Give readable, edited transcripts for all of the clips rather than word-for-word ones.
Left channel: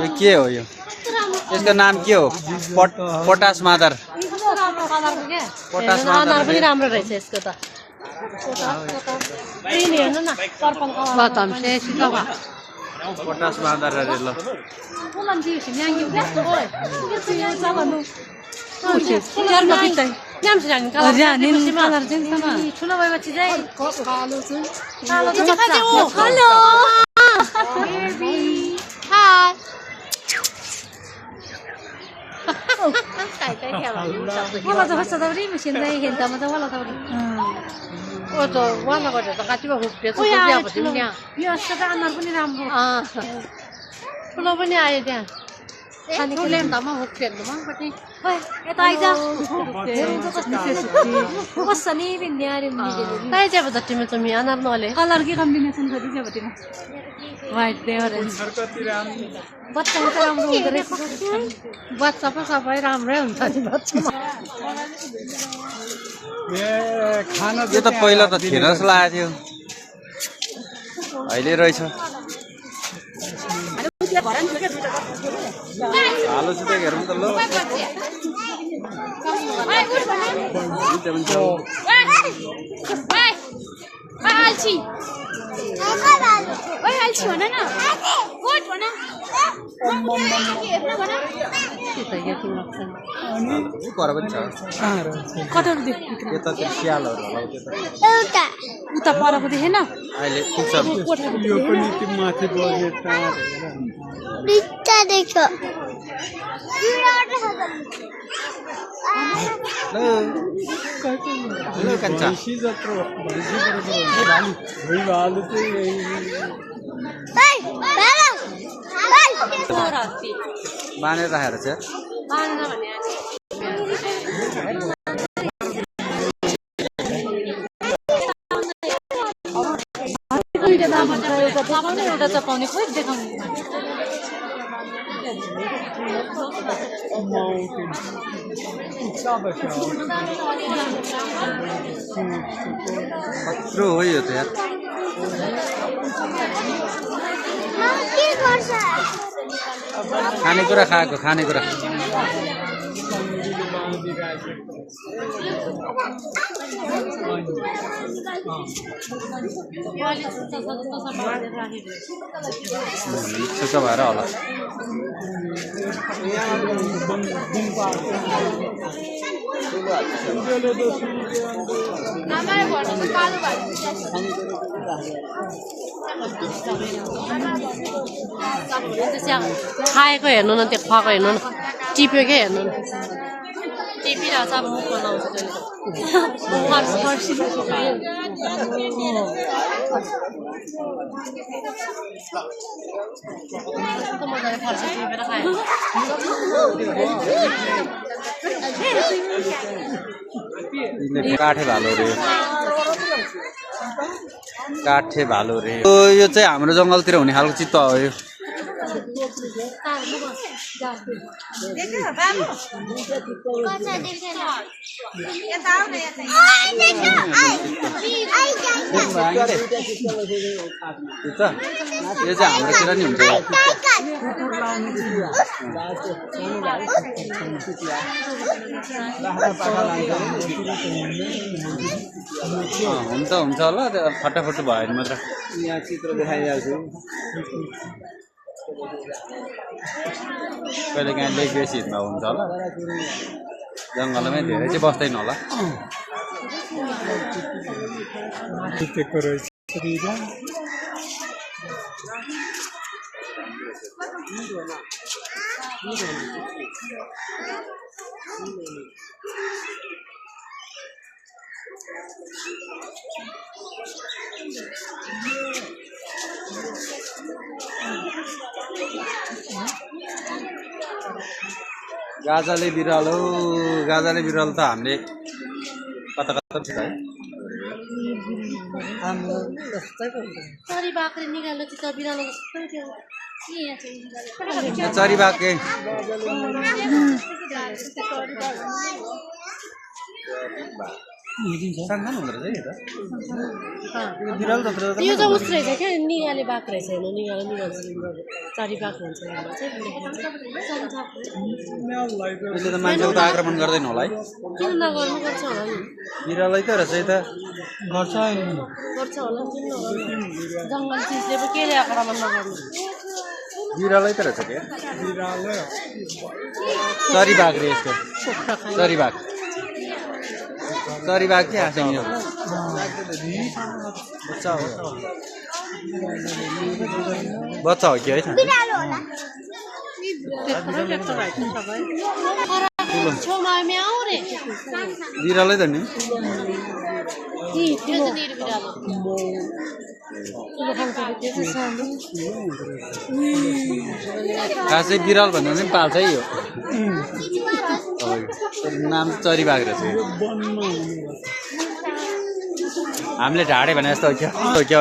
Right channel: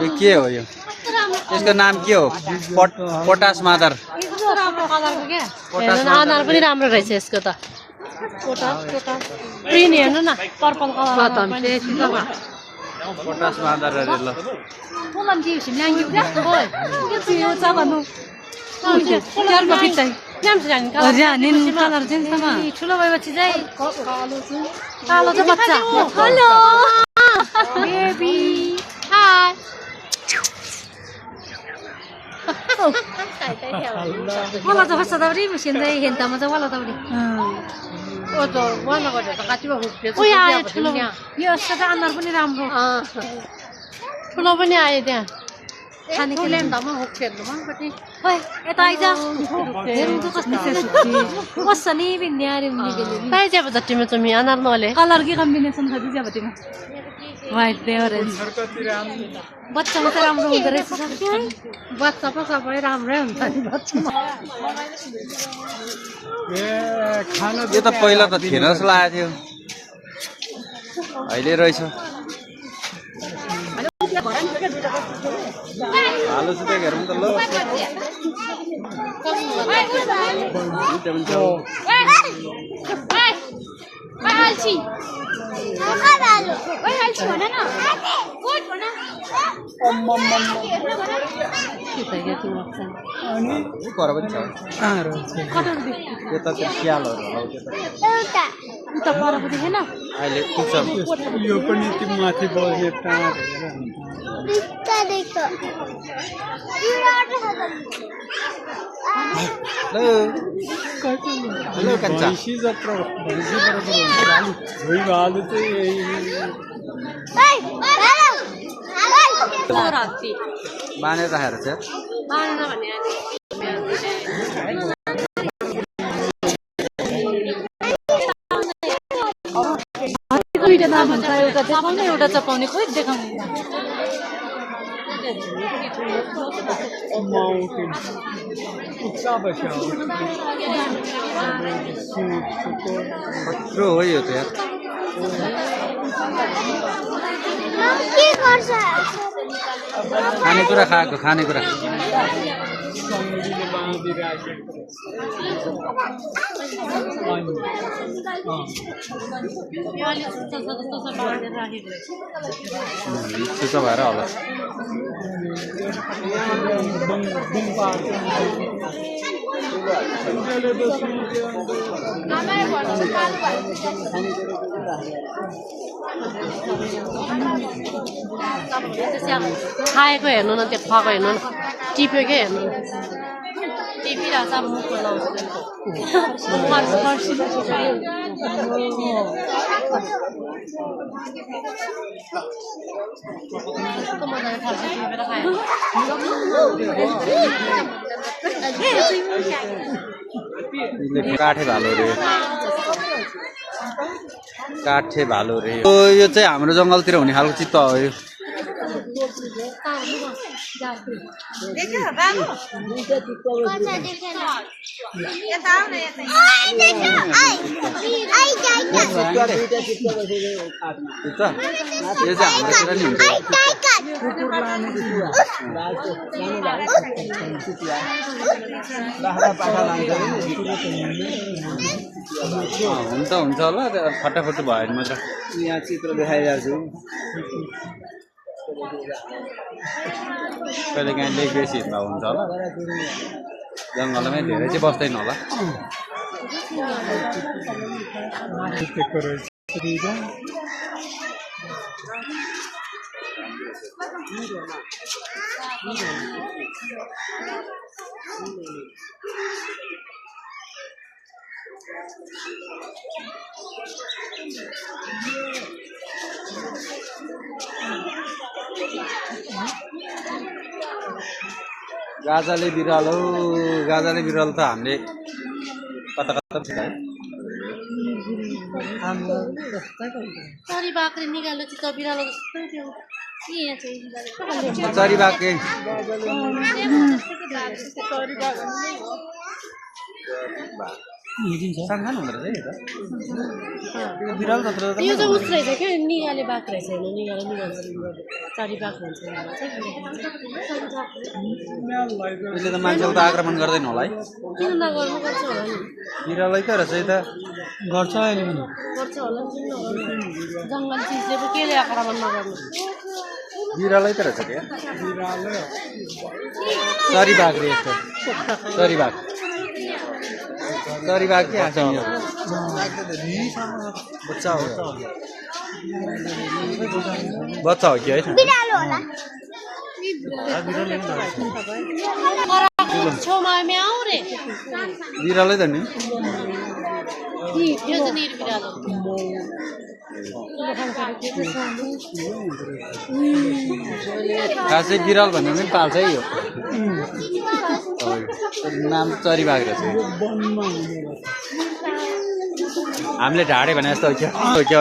यो के हो यो? यसको नाम के हो? पोटास मादर। पोटास मादर पनि राम्रो रहेछ यसको त। ग्रीन हेर्नु न पर्पल कलर। पोटास मादर अरे ल। ठुलो भएपछि चाहिँ wala to basta dabri machine dai genta ma to wala dabri o to wala ko to katiba hukte so क्या भन्नु नि यो सदा अनुहार पनि राम्रो ठुलो पनि आयो त्यहाँ खाने ठुलो दाममा हुक्थे मन कति ओइ यता आइज कसनी बिन्यारे ताई चाहिँ बत्तीमा त मी अनुहार नले कलर के कम्बिनेसन छ दिया बत्तीमा व्हाइट दे ऑरेंज बच्चा त राम्रो हुँदो रहेछ बच्चा पो सबै राम्रै हुन्छ नि बच्चा यो त पहिला त थिएन जस्तो लागेको थियो अहिले रहेछ हालो चाहिँ त्यहाँ हेरौँ त ल पर पनि छ त्यो त स्यालहरू होला उता परको देखेन अहिले पुग्छ यो पनि त्यो माथि बस्ने टाढ हेलो कान्छा बाँधेर राखेर चाहिँ एउटा चपाउने खोइ देखाउने कत्रो हो यो त यार खानेकुरा खाएको खानेकुरा त्यसो भएर होला खाएको हेर्नु न त्यो खाएको हेर्नु न टिपेकै हेर्नु न टिपिरहेको छ मुख काठे भालो रे काठे भालो रे यो चाहिँ हाम्रो जङ्गलतिर हुने खालको चित्त हो यो यो चाहिँ हाम्रोतिर नि हुन्छ हुन्छ होला फटाफट भयो भने मात्र यहाँ चित्र देखाइरहेको छु कहिले काहीँ लेक बेसी हिँड्दा हुन्छ होला जङ्गलमै धेरै चाहिँ बस्दैन होला गाजाले बिरालो त हामीले कता कता छ है चरी बाख्रे निकाल्यो त्यो बिरालो जस्तै थियो चरी बाख्रे सानो हुँदो रहेछ है यो बिरालो जत्रो यो चाहिँ उस रहेछ क्या निगाले बाघ रहेछ होइन निगाले निगाल्छ चारी बाघ हुन्छ भनेर चाहिँ यसले त मान्छेको त आक्रमण गर्दैन होला है किन नगर्नु पर्छ होला नि बिरालै त रहेछ है त गर्छ अहिले पनि गर्छ होला किन नगर्नु जङ्गल चिजले पो केले आक्रमण नगर्नु बिरालै त रहेछ क्या चरी बाघ रे यसको चरी बाघ के आएको बच्चा हो कि है छेउमा म्याउ रे बिरालै त नि त्यो त निर बिरालो खासै बिराल भन्दा पनि पाल्छ है यो नाम चरी बाघ रहेछ हामीले ढाडे भने जस्तो हो क्या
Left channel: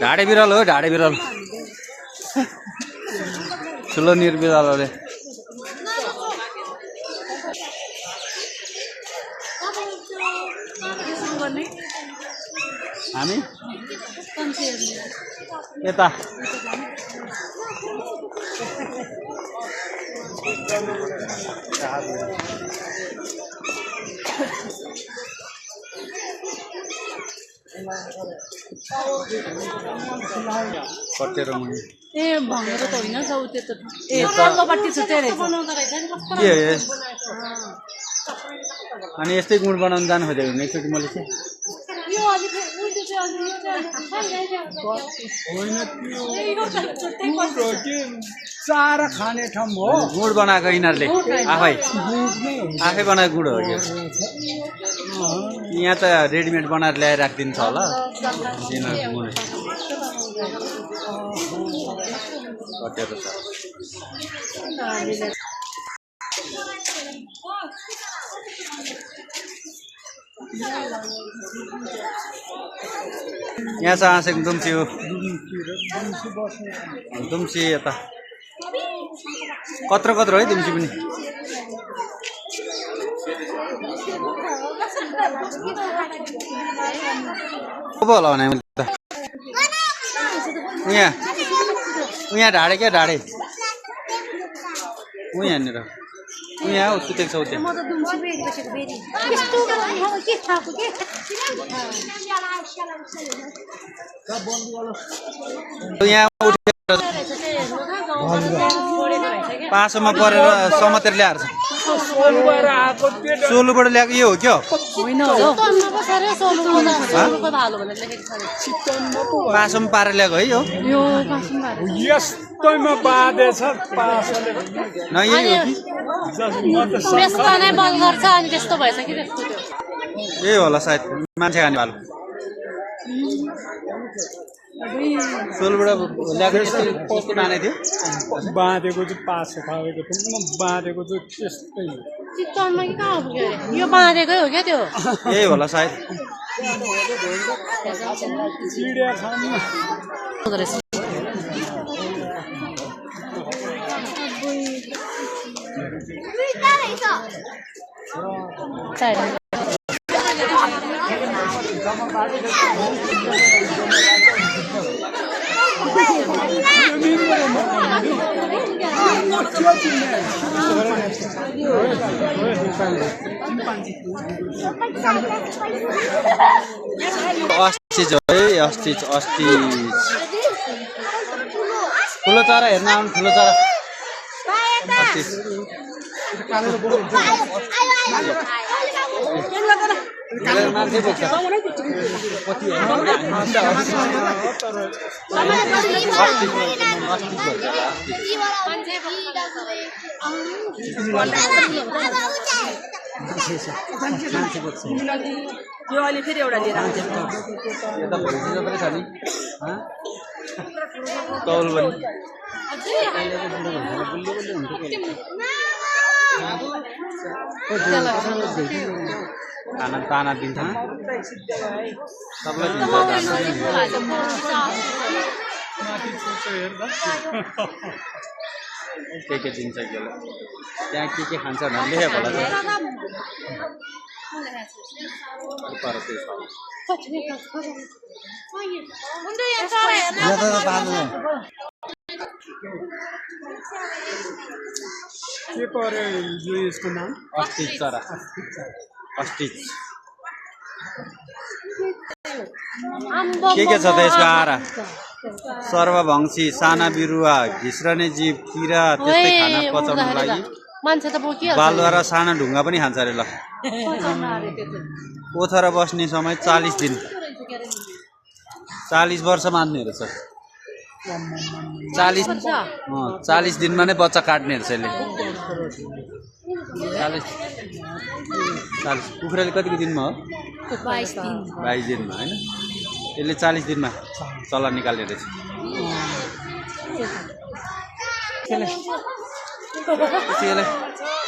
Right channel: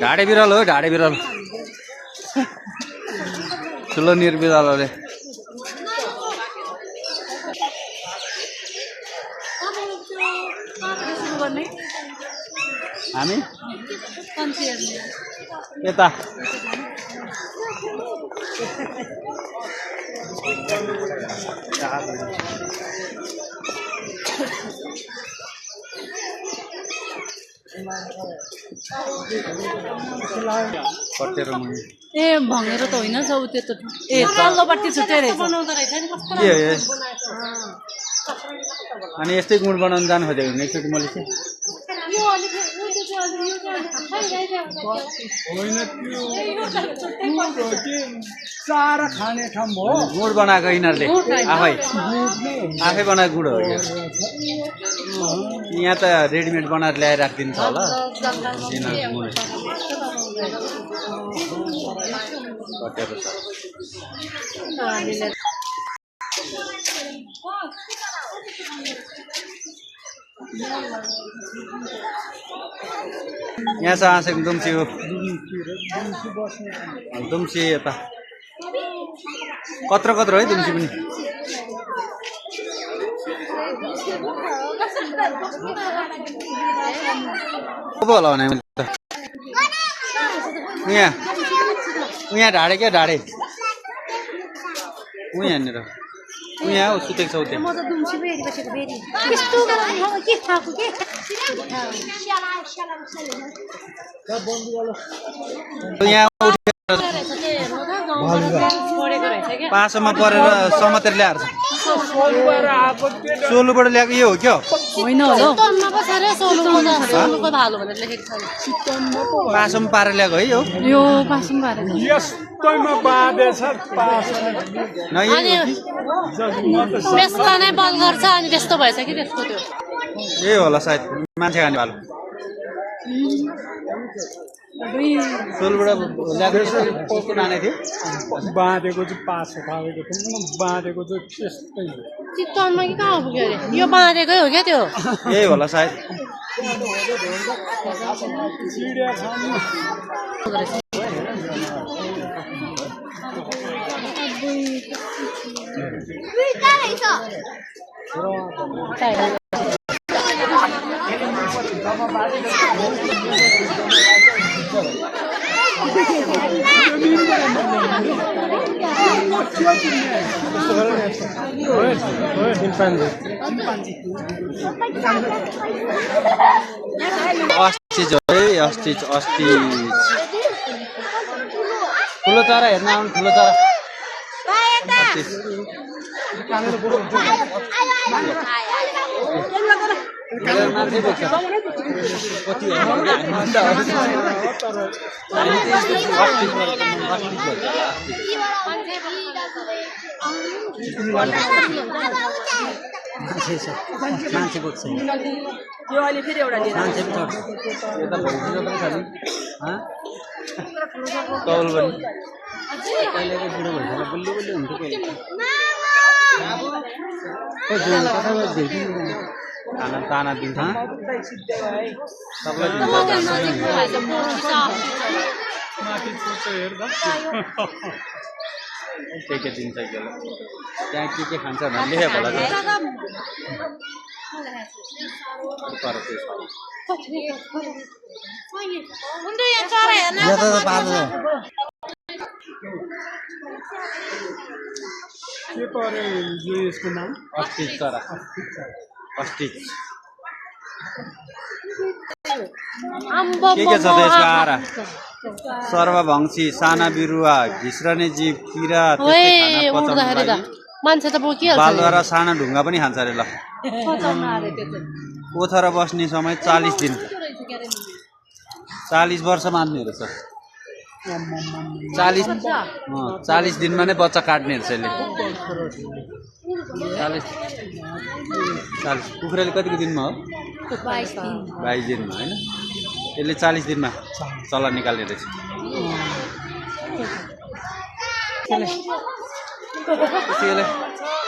ढाडे बिराल हो ढाडे बिराल ठुलो निर्बिरालोले हामी यता कटेरो मुनि ए भँगेरो त होइन जाउ त्यो त ए तल्लोपट्टि छुट्टै रहेछ के अनि यस्तै गुड बनाउन जानु खोजेको एकचोटि मैले चाहिँ होइन त्यो चारा खाने ठाउँ हो गुड बनाएको यिनीहरूले आफै बनाएको गुड हो यो यहाँ त रेडिमेड बनाएर ल्याएर राखिदिन्छ होला कटेरो छ यहाँ छ आँसेको दुम्सी हो दुम्सी यता कत्रो है दुम्सी पनि होला भने त उहाँ ढाडे क्या ढाडे यहाँनिर यहाँ हो सुतेको छ उता यहाँ पासोमा परेर समातेर ल्याएर सोलुबाट ल्याएको यो हो क्या पासोमा पारेर ल्याएको है यो यस्तोमा बाँधेछ यही होला सायद मान्छे खाने भालो सोलबाट ल्याएको कस्तो बाँधेको थियो बाँधेको चाहिँ पासो खाएको थियो बाँधेको चाहिँ त्यस्तै चितवनमा कि कहाँ पुग्यो यो बाँधेकै हो क्या त्यो यही होला सायद चिडिया खानु अस्ति ठुलो चरा हेर्न आउनु ठुलो चरा मान्छे बोक्छ कति यता भइसक्यो पनि छ नि कौल पनि खाना ताना दिन्छ सबलाई दिन्छ माथि छोटो हेर्दा के दिन्छ यसले त्यहाँ के खान्छ भनेर लेखेको होला त्यहाँ तर त्यो के पऱ्यो यो यसको नाम अस्टिच चरा अस्टिच के छ त यसको आहारा सर्वभङ्शी साना बिरुवा घिस्रने जीव किरा त्यस्तै खाना पचाउनको लागि मान्छे त बोकिहाल्छ बालुवा र साना ढुङ्गा पनि खान्छ अरे ल ओथरा बस्ने समय 40 दिन 40 वर्ष मान्ने रहेछ 40 दिनमा नै बच्चा काट्ने रहेछ यसले 40 कुखुराले कतिको दिनमा हो 22 दिनमा होइन यसले 40 दिनमा चल्ला निकाल्ने रहेछ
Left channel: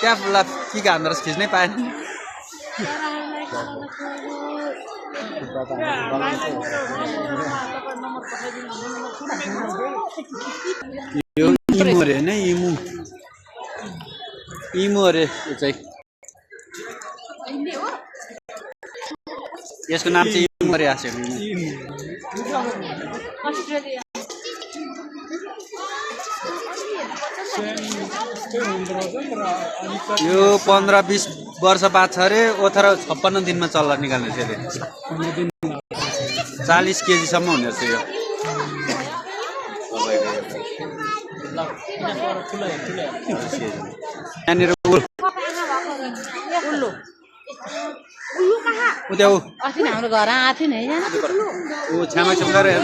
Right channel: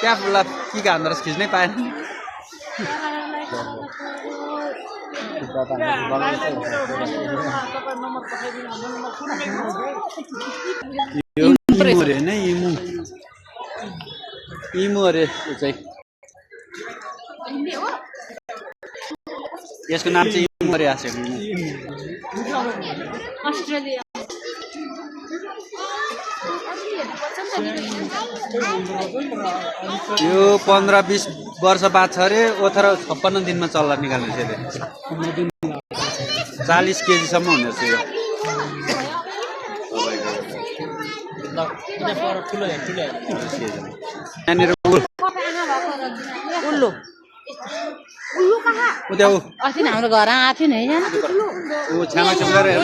त्यहाँ फुल्ला के हान्दो रहेछ खिच्नै पाएन इमु अरे होइन इमु अरे यो चाहिँ यसको नाम चाहिँ इमु अरे आएको यो 15-20 वर्ष बाद छ अरे ओथर 56 दिनमा चल्ला निकाल्ने छ अरे 40 केजीसम्म हुने रहेछ यो यहाँनिर अस्ति हाम्रो घर आएको थियो नि ऊ छ्यामा छ्याम गरेर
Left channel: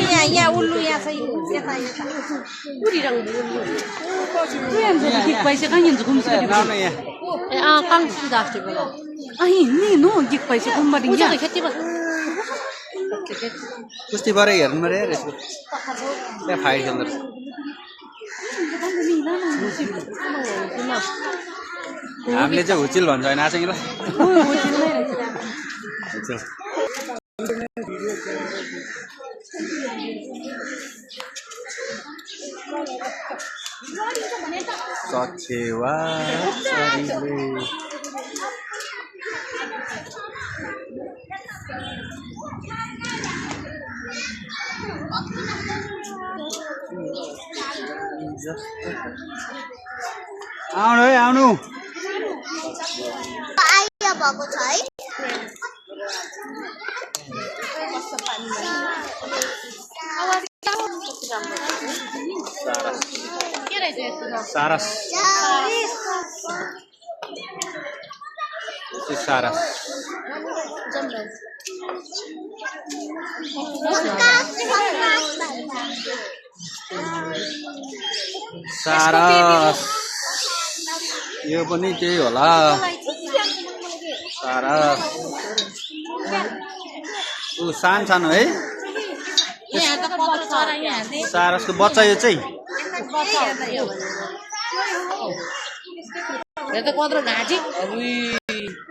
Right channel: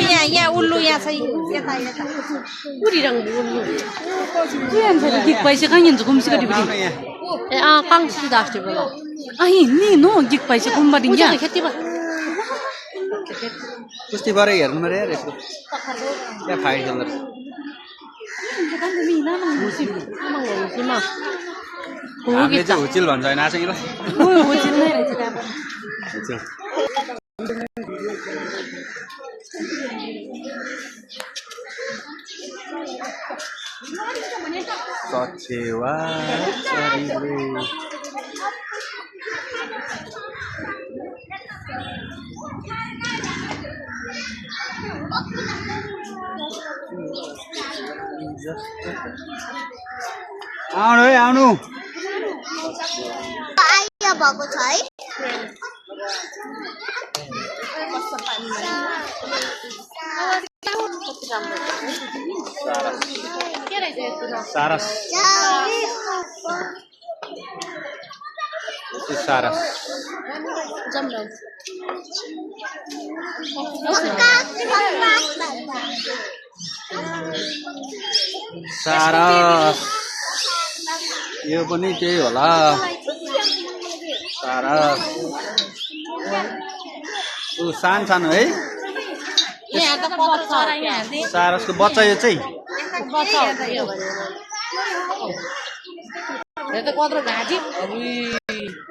पैसा कहाँ हिँड्छ घुम्छ आउन यहाँ ए काङ्सी दास्टे बोला हिँड्ने नो गिक पैसा घुम्बा दिन कुस्ती भएर हेर्नु पऱ्यो यार यसको त्यहाँ फाइट खेल्दो रहेछ हामीले चाहिँ हुचिल भन्छ होइन आँसैलाई सचेवा चरीले आउनु है आउनु भएको छ है सारस सारस सारस यो पनि त्यही होला सारस ऊ सानो है सारसको बच्चा यो चाहिँ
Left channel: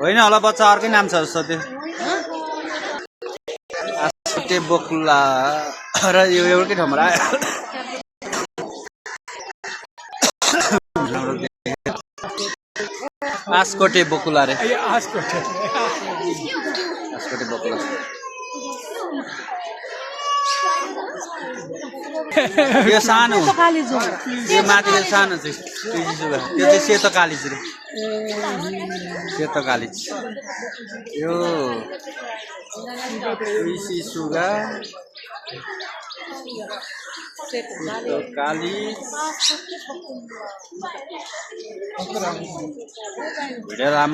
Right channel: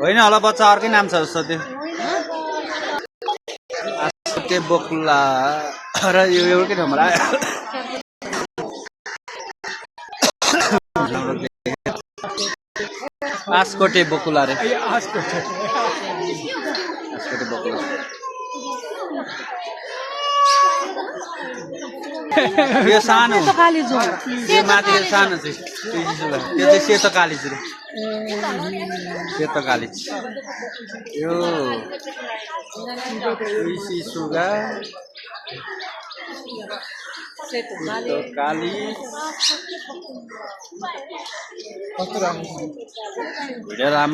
होइन होला बच्चा अर्कै नाम छ जस्तो त्यो बकुला र यो एउटै ठाउँमा आस्कोटे बकुला रे आस्कोटे बकुला यो सानो यो माथि सानो चाहिँ त्यो चाहिँ सेतो कालिज रे सेतो कालिज यो सुगा सेतो कालिज भिडियो